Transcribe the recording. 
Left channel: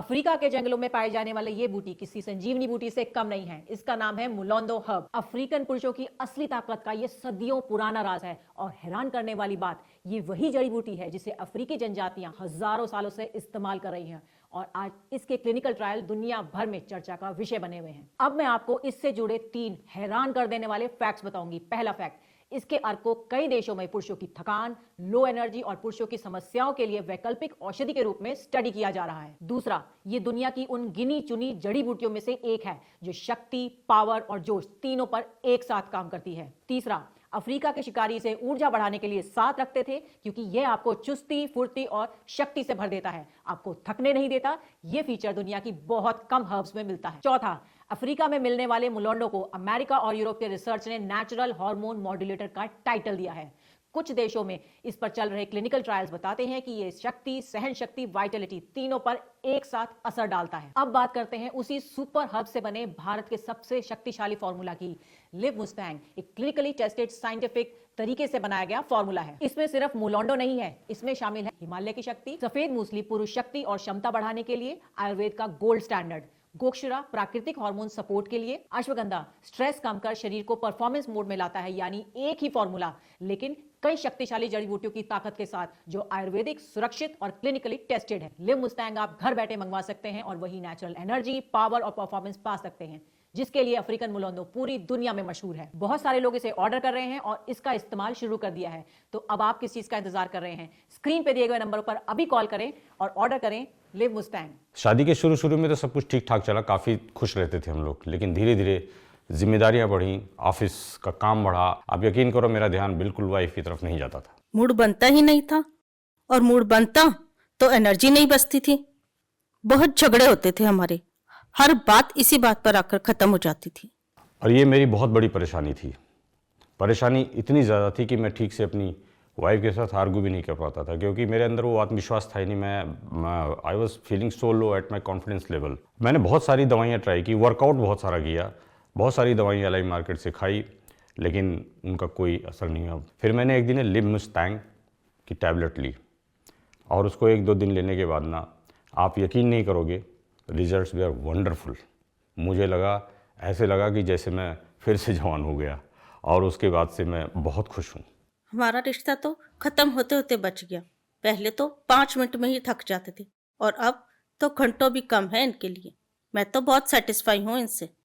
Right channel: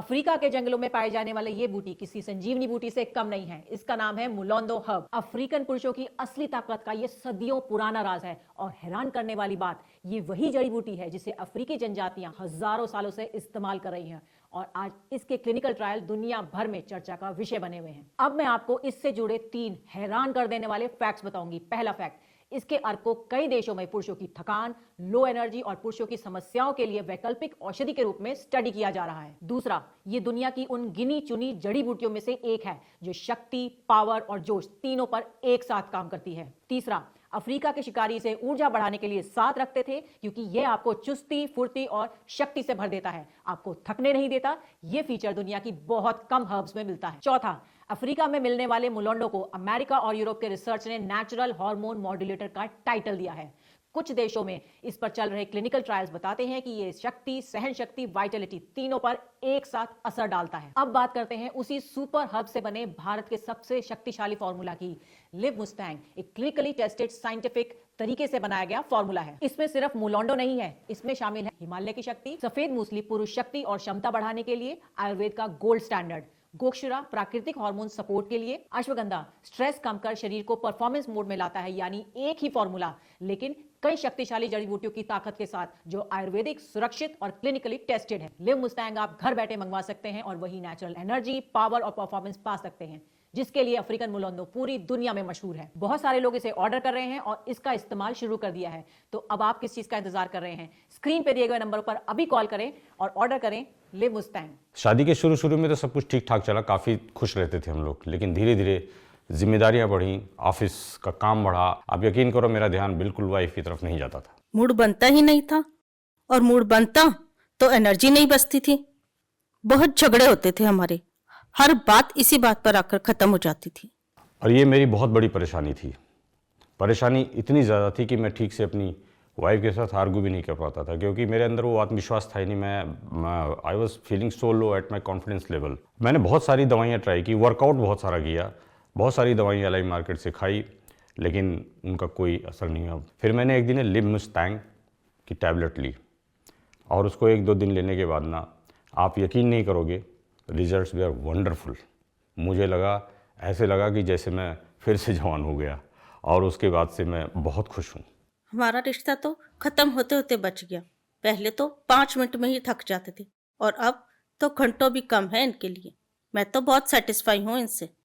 Africa के जंगलों में पाए जाने वाले ये बूटी किसी संजीवनी बूटी से कम नहीं है। इसका नाम है मुलोंडो हर्ब। अफ्रीकन पुरुषों की असली ताकत का ये सदियों पुराना राज है। और हैरान करने वाली बात, ये वही जड़ी बूटी है जिसे अफ्रीकी जनजातियां हजारों सालों से इस्तेमाल कर रही हैं और आज इसके क्लिनिकल ट्रायल दुनिया भर में चर्चा का विषय बने हुए हैं। अब मैं आपको इससे जुड़े 3 हैरान कर देने वाले फैक्ट्स बताऊंगी। पहला फैक्ट, इसके अर्क को कई देशों में पुरुषों की थकान, लो एनर्जी और पुरुषों की समस्याओं के लिए वैकल्पिक औषधि के रूप में स्टडी किया जा रहा है। दूसरा, ये दुनिया की उन गिनी चुनी जड़ी बूटियों में से एक है जो शक्ति, पावर और जोश तीनों पर एक साथ काम करती है। तीसरा, अफ्रीका के शिकारी इसे ऊर्जा बढ़ाने के लिए साथ रखते थे क्योंकि यह आपको चुस्ती, फुर्ती और शक्ति से भर देता है, आपको थकने नहीं देता। यह फीचर दुनिया की बहुत कम हर्ब्स में मिलता है। चौथा, अफ्रीका में मिलने वाले मुलोंडो को अमेरिका और यूरोप के रिसर्च ने नेचुरल हार्मोन मॉड्यूलेटर का टाइटल दिया है। कुछ देशों में इस पर चल रहे क्लिनिकल ट्रायल्स बताते हैं कि ये शक्ति, सहन शक्ति, वाइटलिटी तीनों पर एक साथ असर डालता है। अब बात करते हैं उसी सुपर हर्ब से बने भारत के सबसे शक्तिशाली फॉर्मूला की। लिव मुस्टैंग एक क्लिनिकली टेस्टेड साइंटिफिक तरीके से बनाया गया फॉर्मूला है। इसमें सिर्फ मुलोंडो नहीं है, इसमें शामिल है हिमालय की शक्ति, सफेद मूसली पुरुष शक्ति और क्षमता बढ़ाने के लिए, आयुर्वेद का गोल्ड स्टैंडर्ड गोक्षुरा प्राकृतिक हार्मोन सपोर्ट के लिए, अश्वगंधा स्ट्रेस कम कर शरीर को परफॉर्मेंस मोड में लाता है। यानी एक ही फॉर्मूला लेकिन कई शक्तिशाली जड़ी बूटियों की ताकत के साथ जो आयुर्वेदिक, सुरक्षित और क्लिनिकली टेस्टेड है। लिव मुस्टैंग आप घर बैठे मंगवा सकते हैं और वही नेचुरल एनर्जी, पावर और परफॉर्मेंस पा सकते हैं जिसके लिए अफ्रीकन मुलोंडो पूरी दुनिया में मशहूर है। बहुत सारे लोग इसे ऑर्डर कर रहे हैं और इसका इस्तेमाल शुरू कर दिया है। तो अब आप किस चीज का इंतजार कर रहे हैं? स्क्रीन पे दिए गए नंबर पर अभी कॉल करें और ऑर्डर करें लिव मुस्टैंग। शादी के शुरू में तो सब कुछ ठीक ठाक चला, काफ़ी खुश रहते थे हम लोग, लेकिन धीरे धीरे जिम्मेदारियां बढ़ी, ऑफिस का काम बढ़ा। आप यकीन करो मेरा ध्यान बिल्कुल वाइफ की तरफ नहीं जाता था। मूड बनता ही नहीं था, और मूड बनता तो एनर्जी नहीं बचती थी। बहुत झगड़े होते थे हमारे, हर बात इसी बात पर आकर खत्म हो जाती थी। और ये मेरी बहुत बड़ी परेशानी थी। परेशानी इतनी ज़्यादा थी कि मैं ठीक से अपनी वाइफ के साथ आर्गू भी नहीं कर पाता था क्योंकि मेरे अंदर वो आत्मविश्वास था ही नहीं। मैं I was feeling so low at my confidence level. मैंने बहुत सारी दवाइयाँ ट्राई की, वर्कआउट बहुत सारा किया, बहुत सारी दवाइयाँ LI मार्केट से खाई, लेकिन उनका कोई असर नहीं हुआ। फिर मैंने एक दिन लिव मुस्टैंग की टैबलेट ली और उसको 1-2 दिन लेने के बाद ना, आप यकीन नहीं करोगे, रिजल्ट्स वे आर वंडरफुल। मुझे ऐसे लगा कि जैसे मैं फिर से जवान हो गया और उसके बाद से मैं बहुत खुश हूँ। हमारा रिश्ता तो खत्म होते होते बच गया। पहले तो 5 मिनट में ही थक जाते थे और अब तो घंटों भी कम है इनके लिए। मैं तो बहुत सेटिस्फाई हूँ इनसे।